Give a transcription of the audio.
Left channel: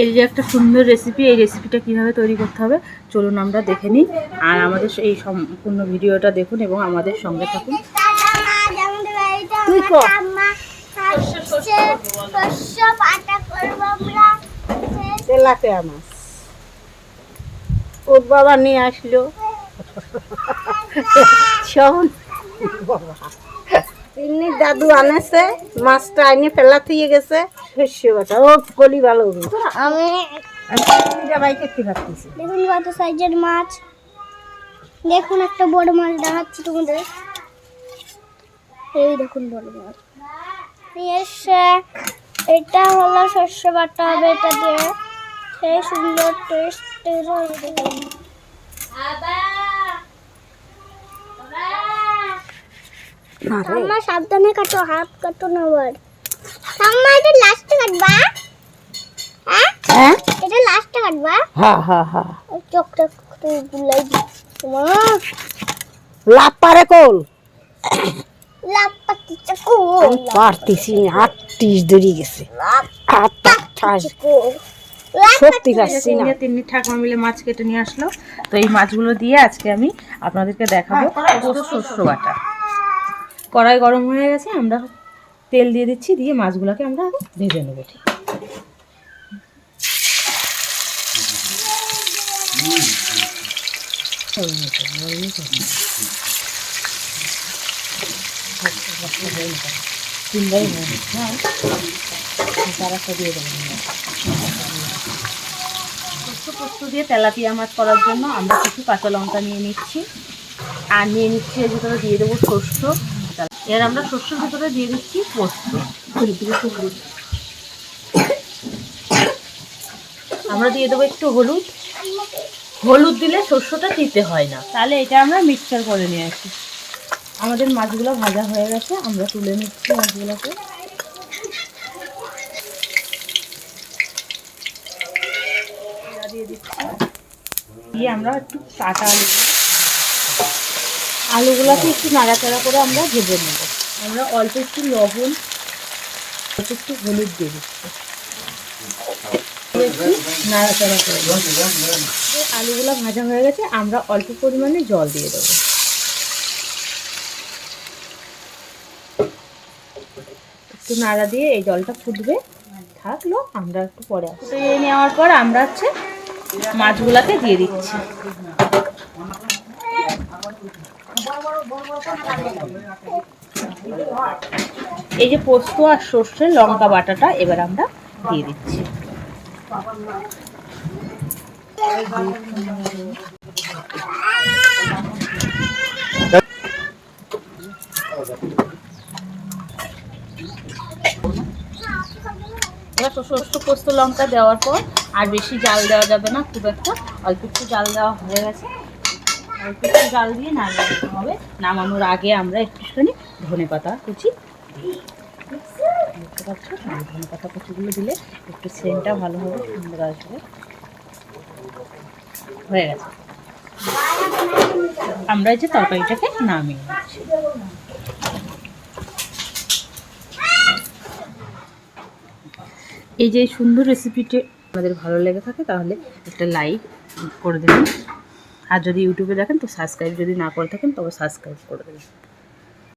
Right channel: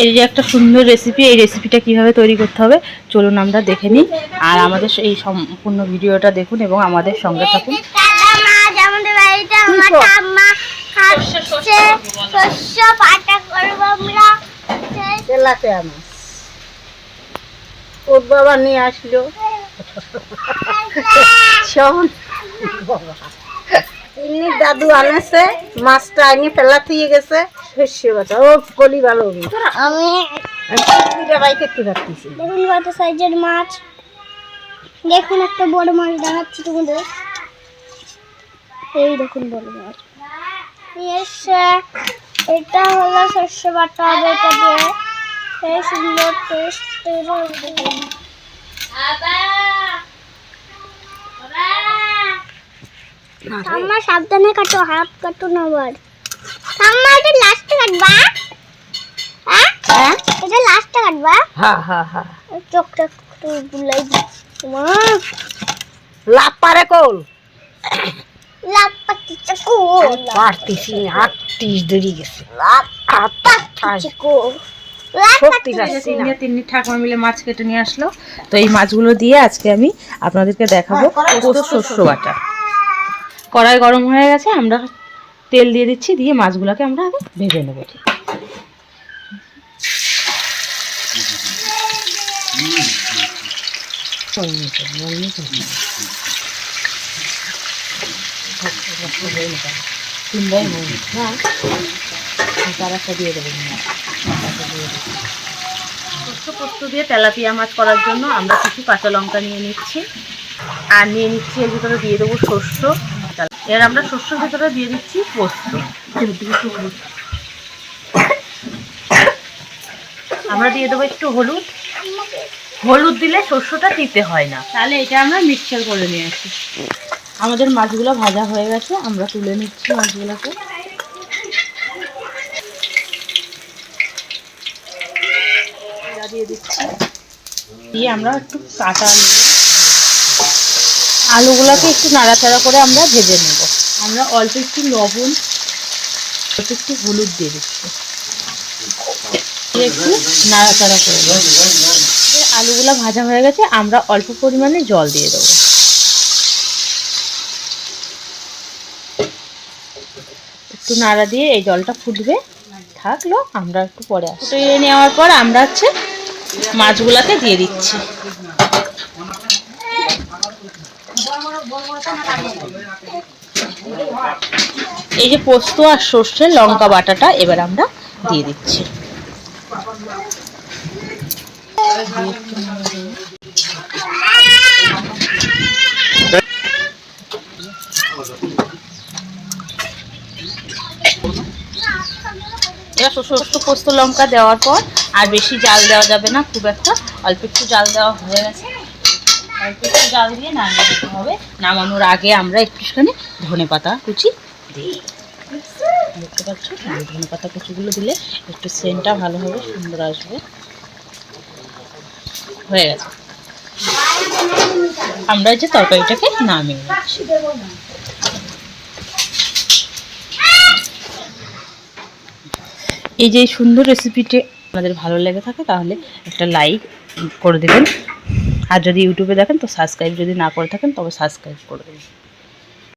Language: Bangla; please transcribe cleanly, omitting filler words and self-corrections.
এই যে একটা সুন্দর রেসিপি, এই রেসিপিটা কিভাবে তৈরি করতে হবে চলুন আমরা দেখে নিই। আর আমাদের এই সম্পূর্ণ ভিডিওটা দেখুন এবং আমাদের সঙ্গে থাকুন। ওর বাবা নিয়ে আসলো এমনি দাদু আনেছে, মাছটা আনিয়ে ফেলা থিয়ে গেছে শস্য বাটা। ও গলি ভালো আমি দেখুন কত সাইজের মাছ। দেখুন একটা বড় মাছ দেখাচ্ছি তোমাদের, এই দেখুন বড় মাছ। এটা হলো শস্য বাটা হবে, এটা দিয়ে সেই সুন্দর টেস্ট ঠাম্মা সাবধানে কাটো, হাত কাটো না আবার। ঠাম্মা এটা লাস্টে কাটবা? হ্যাঁ এটা লাস্টে কাটবা? হ্যাঁ হ্যাঁ হ্যাঁ। চোখটা একটু গুলাই দিচ্ছি। লাভ পারে কোন? লাভ পাচ্ছি কোন? পারতেছি না, 38 ধরে গেছে। লাভ পাচ্ছি কোন? সত্যি তিন্নি ঠাকুমা মিলে মাছ কেটে নিয়ে আসলো। তো এই মাছগুলো দিয়ে আজকে আমি আপনাদেরকে দেখাবো শস্য বাটা। কড়াই গরম হয়ে গেছে, আমরা তেল দিয়ে দিচ্ছি, দিয়ে মাছগুলোকে আমরা আগে ভেজে নেবো। দিয়ে দেবো পোস্ত দিয়ে তেলাপিয়া মাছ করার জন্য আমরা কিছু কাঁচা লঙ্কা নিয়ে নিচ্ছি, আর নিয়ে নিচ্ছি এর ভিতরে দিয়ে দেবো শস্য। এর আমরা শস্যের ভিতরে দিয়ে দিচ্ছি পোস্ত। আমরা দিয়ে দেবো একটু হলুদ। হলুদ দিলে শস্যটা দিতে হয় না, তাহলে এটা আমরা মিক্সচার করে নিয়ে আসি। আমাদের মাছগুলো ভাজা হয়ে গেছে, আমরা তুলে নিচ্ছি মাছগুলোকে। দিয়ে দিচ্ছি, দিয়ে আমরা একটু কাঁচা আলুগুলোকে একটু নাড়াচাড়া করে আমরা ভেজে নেব। আমরা অল্প একটু লবণ, অল্প একটু হলুদ দিয়ে দিচ্ছি, একটু নাড়াচাড়া করে আলুগুলো ভাজা হয়ে গেছে, আমরা অল্প পরিমাণে জল দিয়ে দেবো। একটু নাড়া দিয়ে এই জলটা ফুটবে থাকলো, আমরা একটু পরে ফুটিয়ে নেওয়ার পর আমরা মাছগুলোকে দিয়ে দিচ্ছি। এই যে পোস্ত আর সর্ষের লঙ্কা বাটাটা এবার আমরা দিয়ে দিচ্ছি। পোস্ত লঙ্কা দেওয়ার পর আর বেশি জাল দেওয়া যাবে না, খুব একটা অল্প একটু জাল দেওয়া হয়ে গেছে। অল্প একটু জাল দিয়ে নামিয়ে দিতে হবে। নামানোর আগে আমরা একটুখানি ধনেপাতা কুচি দিই, দেখতে পাচ্ছ। ধনেপাতা কুচিগুলো দিলে একটু সেন্টটা ভালো হবে, সুন্দর আসবে। হয়ে গেছে, আমরা যে তরকারিটাকে নামিয়ে নিচ্ছি। এই যে সুন্দর রেসিপিটি আপনাদের ভালো লেগে থাকে তাহলে একটা লাইক করে দেবেন, আর যদি ইউটিউবে দেখেন তো সাবস্ক্রাইব যদি না করে থাকেন তবে সাবস্ক্রাইব করে দেবেন।